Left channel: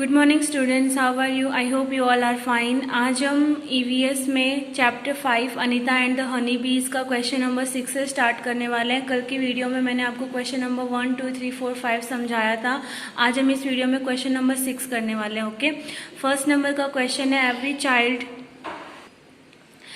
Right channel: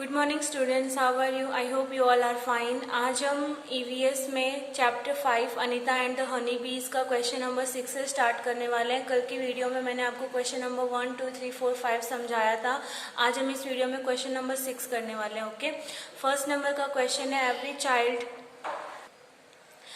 Good morning students, how are you? I hope you all are fine. आज हम EVS में chapter 5 Anita and the honey bees का question number 6 से start करने वाले हैं। कल की वीडियो में मैंने आपको क्वेश्चन नंबर 1, 2, 3, 4, 5 समझाया था। आज हम इस वीडियो में क्वेश्चन नंबर 6 करने वाले हैं। ओके, फर्स्ट नंबर का क्वेश्चन है, every child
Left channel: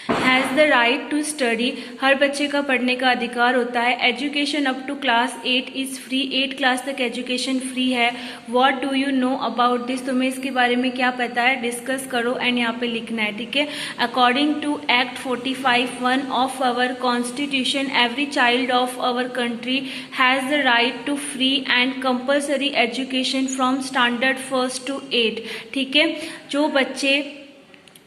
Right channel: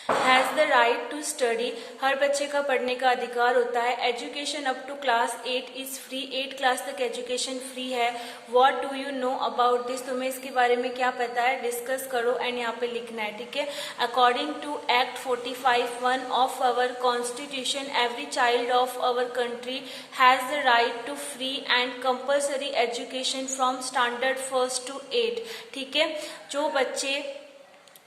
has the right to study. हर बच्चे का पढ़ने का अधिकार होता है। Education up to class 8 is free. 8 class तक एजुकेशन फ्री है। What do you know about this? तुम्हें इसके बारे में क्या पता है? डिस्कस करो एंड यहाँ पे लिखना है, ठीक है। According to act 45(1) of our constitution, every child of our country has the right to free and compulsory education from standard 1 to 8। ठीक है, जो बच्चे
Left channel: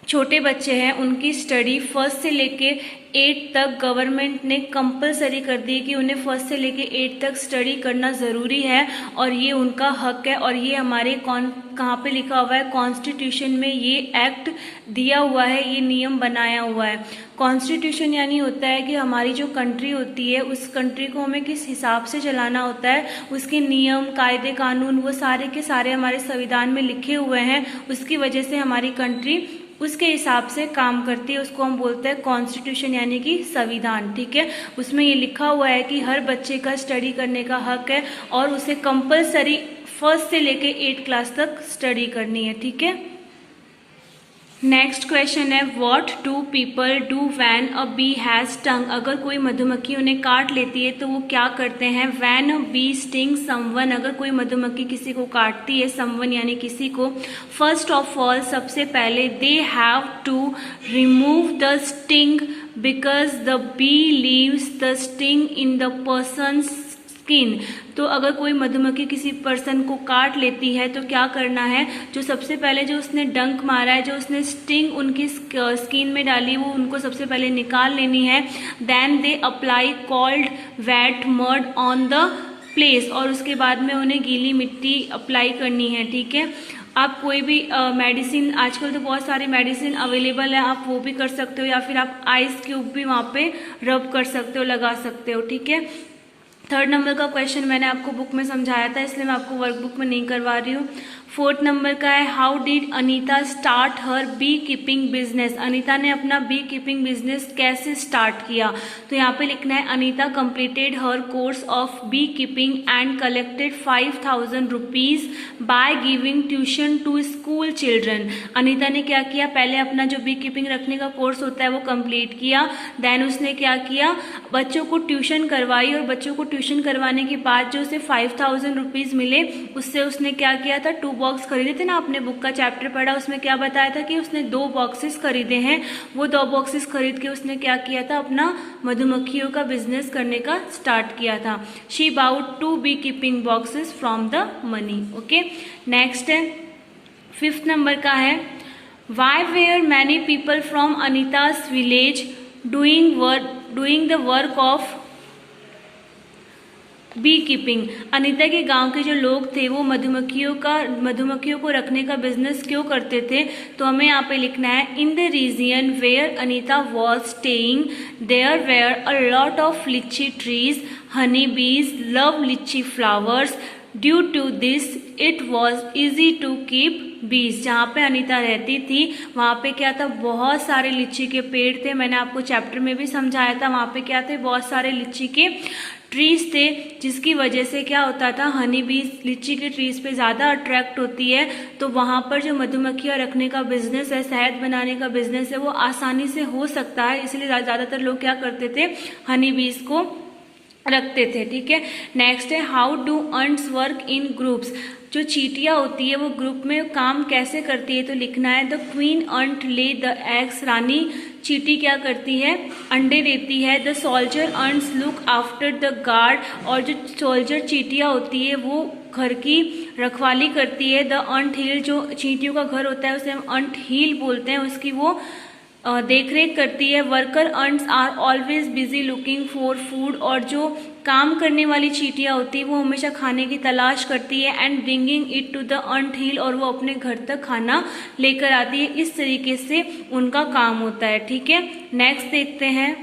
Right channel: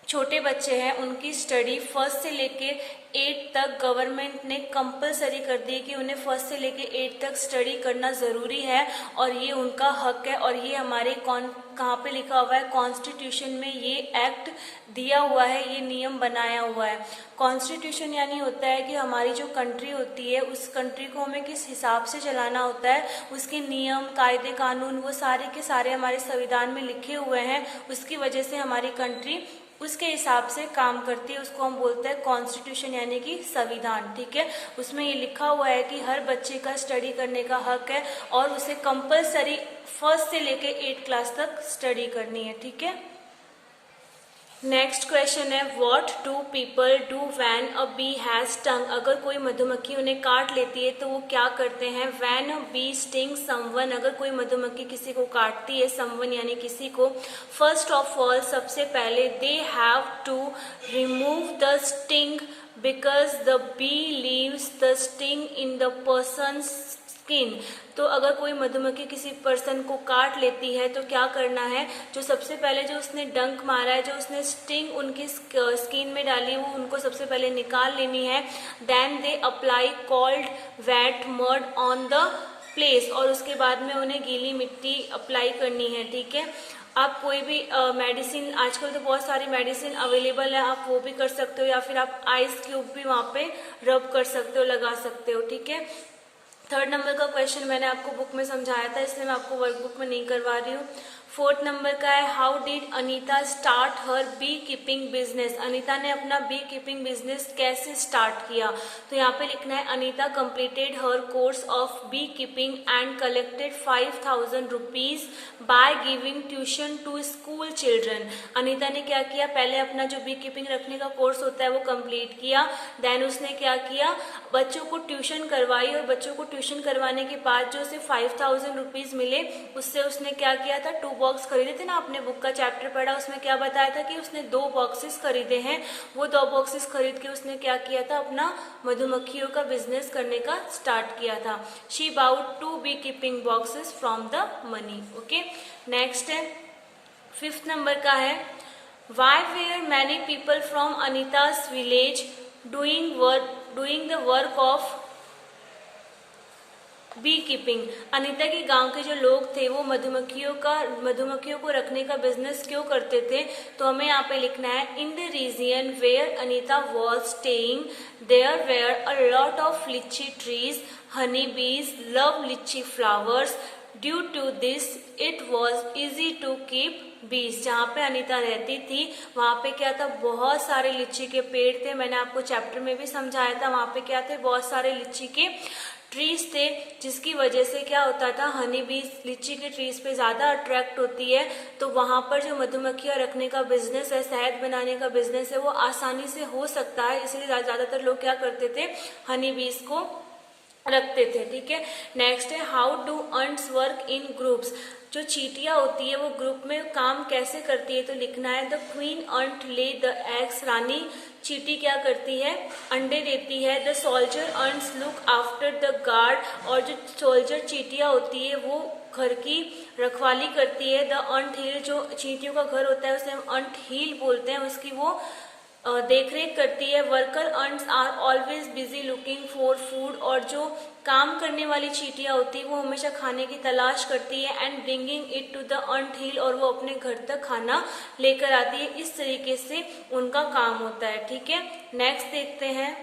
छोटे बच्चे हैं उनकी स्टडी 1 से लेके 8 तक गवर्नमेंट ने कंपलसरी कर दी कि उन्हें 1 से लेके 8 तक स्टडी करना ज़रूरी है और ये उनका हक है। और ये हमारे कहाँ पे लिखा हुआ है? कॉन्स्टिट्यूशन में ये एक्ट दिया हुआ है, ये नियम बनाया हुआ है। कॉन्स्टिट्यूशन यानी होता है कि हमारी जो कंट्री होती है उस कंट्री को हमें किस हिसाब से चलाना होता है, उसके नियम, कायदे, कानून वो सारे के सारे हमारे संविधान में लिखे हुए हैं। उसकी वजह से हमारी कंट्री उसके हिसाब से काम करती है, उसको हम बोलते हैं कॉन्स्टिट्यूशन यानी कि संविधान। ठीक है, उसमें ये लिखा हुआ है कि हर बच्चे का स्टडी करने का हक है और उसे कंपलसरी 1 से लेके 8 क्लास तक स्टडी करनी है। ठीक है, नेक्स्ट क्वेश्चन है, what do people do when a bee has stung? अगर कोई मधुमक्खी उन्हें काट लेती है तो वो क्या करते हैं? When a bee sting someone, अगर कोई मधुमक्खी किसी को काटती है, समवन यानी किसी को, फर्स्ट ऑफ ऑल सबसे पहले they have to remove the sting because the bee leaves the sting in the person's skin. तो अगर कोई मधुमक्खी किसी पर्सन को काट लेती है तो क्या करना है? जो सबसे पहले जो उसने डंक मारा है, जो उसने स्टिंग उनकी स्किन में डाली, वो उनको सबसे पहले निकाल लेनी है। Then they apply cold wet mud on the place, और उसके बाद में उन्हें गीली मिट्टी अप्लाई करनी है। ठीक है, आप कोई भी मेडिसिन, आजकल तो बहुत सारी मेडिसिन अवेलेबल है, आप वो भी कर सकते हो, या फिर आप आइस क्यूब भी वहाँ पे रब कर सकते हो, लगा सकते हो। ठीक है, थर्ड नंबर का क्वेश्चन मैंने आपको बुक में समझाया था, इसलिए मैं आपको वर्कबुक में नहीं करवा रही हूँ। फोर्थ नंबर का है, how did Anita start her beekeeping business? Anita ने अपना बी कीपिंग बिजनेस कैसे स्टार्ट किया? तो यहाँ पे लिखना है, Anita completed her course of beekeeping and collected 5000 rupees by giving tuition to school children. Anita ने क्या किया? पहले अपना जो बी कीपिंग रखने का कोर्स होता है वो कंप्लीट किया। देन उसने क्या किया? बच्चों को ट्यूशन करवाई, और बच्चों को ट्यूशन करवाने के बाद जो उसे 5000 रुपीज मिले, उससे उसने क्या किया था? 2 बॉक्स खरीदे थे ना, आपने बुक का चैप्टर पढ़ा, उसमें क्या बताया था कि उसने 2 बॉक्सेस खरीदे हैं। वो 2 बॉक्सेस खरीद के उसने क्या किया था? अपना मधुमक्खियों का बिजनेस करने का स्टार्ट किया था। She bought 2 beekeeping boxes from the money. Okay, next है, 5th नंबर का है, why were many people from Anita's village doing the work of beekeeping? Anita के गांव के जो लोग थे वो मधुमक्खियों को रखने का बिजनेस क्यों करते थे? तो हमें यहाँ पे लिखना है, in the region where Anita was staying there were a lot of litchi trees, honey bees love litchi flowers, due to this it was easy to keep bees. जहाँ पे अनीता रहती थी वहाँ पे क्या था? बहुत सारे लीची के पेड़ थे, मैंने आपको चैप्टर में भी समझाया था। वहाँ पे क्या थे? बहुत सारे लीची के ट्रीज थे, जिसकी वजह से क्या होता था? हनी बीज लीची के ट्रीज पे ज्यादा अट्रैक्ट होती है, तो वहां पर जो मधुमक्खियां रखने का बिजनेस है, शहद बनाने का बिजनेस है, वो आसानी से हो सकता है। इसलिए ज्यादातर लोग क्या करते थे? हनी बीज को रखते थे। ठीक है, नेक्स्ट है, how do ants work in groups? जो चींटियां होती है वो ग्रुप में काम कैसे करती है? तो लिखना है, द क्वीन अंट ले द एग्स, रानी चींटी क्या करती है? अंडे देती है। The soldier ants look after the guard, और जो सोल्जर चींटियां होती है वो घर की रखवाली करती है। द अंट हील, जो चींटियों का घर होता है उसे हम अंट हील बोलते हैं, उसकी वो देखरेख करती है। Worker ants are always busy looking for food, और जो काम करने वाली चींटियां होती है वो हमेशा खाने की तलाश करती है। And bringing it to the anthill, और वो अपने घर तक खाना लेकर आती है। इस तरीके से उनका काम होता है। ठीक है, नेक्स्ट देखते हैं,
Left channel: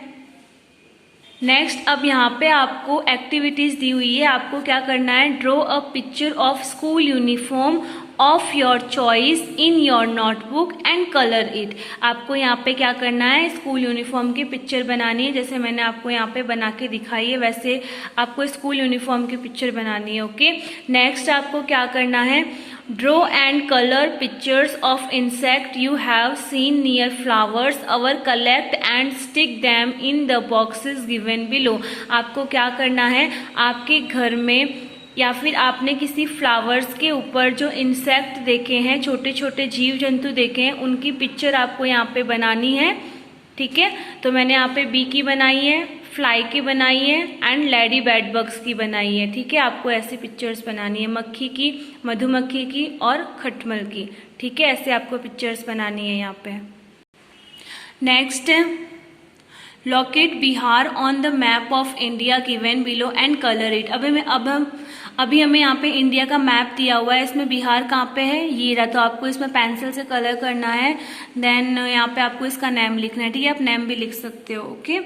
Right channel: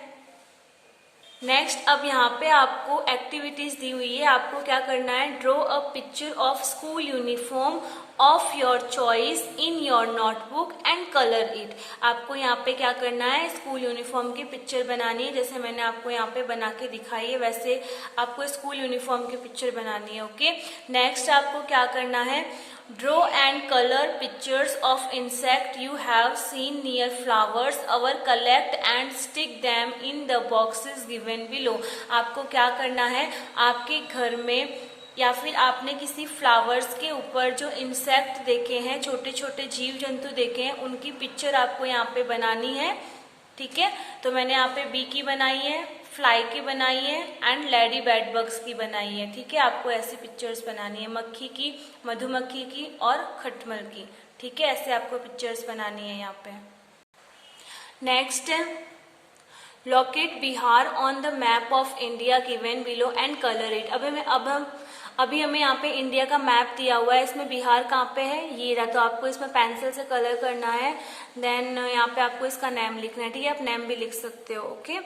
नेक्स्ट अब यहाँ पे आपको एक्टिविटीज दी हुई है, आपको क्या करना है, draw a picture of school uniform of your choice in your notebook and colour it. आपको यहाँ पे क्या करना है, स्कूल यूनिफॉर्म की पिक्चर बनानी है, जैसे मैंने आपको यहाँ पे बना के दिखाई है वैसे आपको स्कूल यूनिफॉर्म की पिक्चर बनानी है। ओके, नेक्स्ट आपको क्या करना है, draw and colour pictures of insect you have seen near flowers our collect and stick them in the boxes given below. आपको क्या करना है, आपके घर में या फिर आपने किसी फ्लावर्स के ऊपर जो इंसेक्ट देखे हैं, छोटे छोटे जीव जंतु देखे हैं, उनकी पिक्चर आपको यहाँ पे बनानी है। ठीक है, तो मैंने यहाँ पे बी की बनाई है, फ्लाई की बनाई है एंड लेडी बेड बग्स की बनाई है। ठीक है, आपको ऐसी पिक्चर्स बनानी है, मक्खी की, मधुमक्खी की और खटमल की। ठीक है, ऐसे आपको पिक्चर्स बनानी है यहाँ पे। Next, locate Bihar on the map of India given below and colour it. अभी हमें यहाँ पे इंडिया का मैप दिया हुआ है, इसमें बिहार कहाँ पे है, ये रहा, तो आपको इसमें पेंसिल से कलर करना है। देन यहाँ पे आपको इसका नेम लिखना है। ठीक है, आप नेम भी लिख सकते हो। ओके,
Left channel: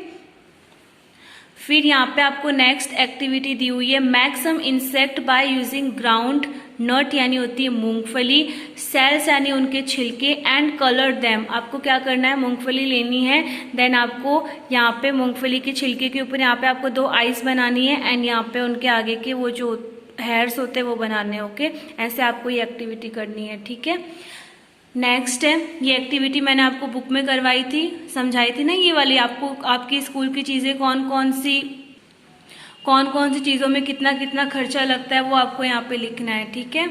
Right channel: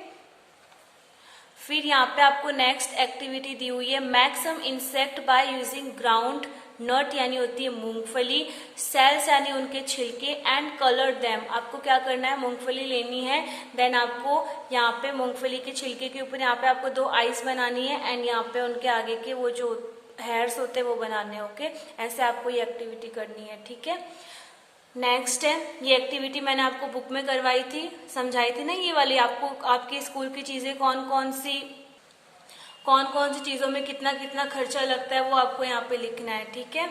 फिर यहाँ पे आपको नेक्स्ट एक्टिविटी दी हुई है, make some insect by using groundnut यानी होती है मूंगफली, सेल्स यानी उनके छिलके एंड कलर देम। आपको क्या करना है, मूंगफली लेनी है, देन आपको यहाँ पे मूंगफली के छिलके के ऊपर यहाँ पे आपको 2 आइस बनानी है एंड यहाँ पे उनके आगे के वो जो हेयर्स होते हैं वो बनाने हैं। ओके, ऐसे आपको ये एक्टिविटी करनी है। ठीक है, नेक्स्ट है, ये एक्टिविटी मैंने आपको बुक में करवाई थी, समझाई थी ना, ये वाली आपको आपकी स्कूल की चीजें कौन कौन सी चीजों में कितना कितना खर्चा लगता है वो आपको यहाँ पे लिखना है। ठीक है,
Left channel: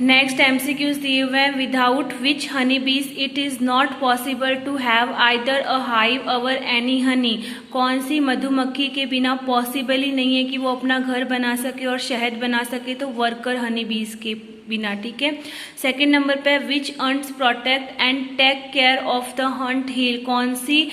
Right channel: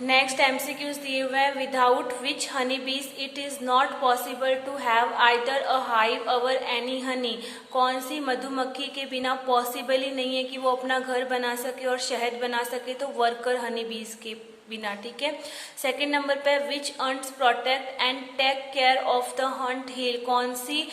नेक्स्ट एमसीक्यूज दिए हुए हैं, without which honey bees it is not possible to have either a hive or any honey. कौन सी मधुमक्खी के बिना पॉसिबल ही नहीं है कि वो अपना घर बना सके और शहद बना सके, तो वर्कर हनी बीज के बिना। ठीक है, सेकेंड नंबर पे, which ants protect and take care of the anthill. कौन सी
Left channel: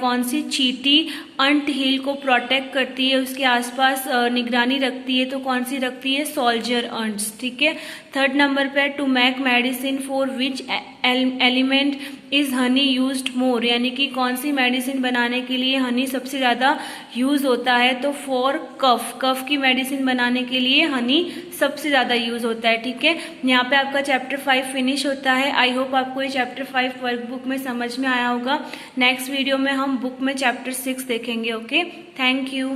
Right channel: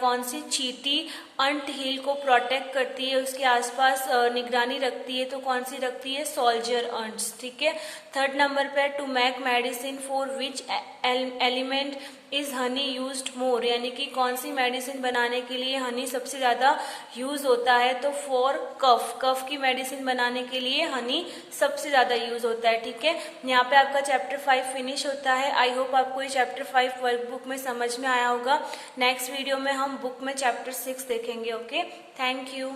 कौन सी चींटी अंट हिल को प्रोटेक्ट करती है, उसके आसपास निगरानी रखती है, तो कौन सी रखती है, सोल्जर अंट्स। ठीक है, थर्ड नंबर पे, to make medicine for which element is honey used more, यानी कि कौन सी मेडिसिन बनाने के लिए हनी सबसे ज्यादा यूज होता है, तो फॉर कफ की मेडिसिन बनाने के लिए हनी सबसे ज्यादा यूज होता है। ठीक है, यहाँ पे आपका चैप्टर 5 फिनिश होता है। आई होप आपको ये चैप्टर 5 वर्कबुक में समझ में आया होगा। नेक्स्ट वीडियो में हम बुक में चैप्टर 6 देखेंगे। Okay, thank you.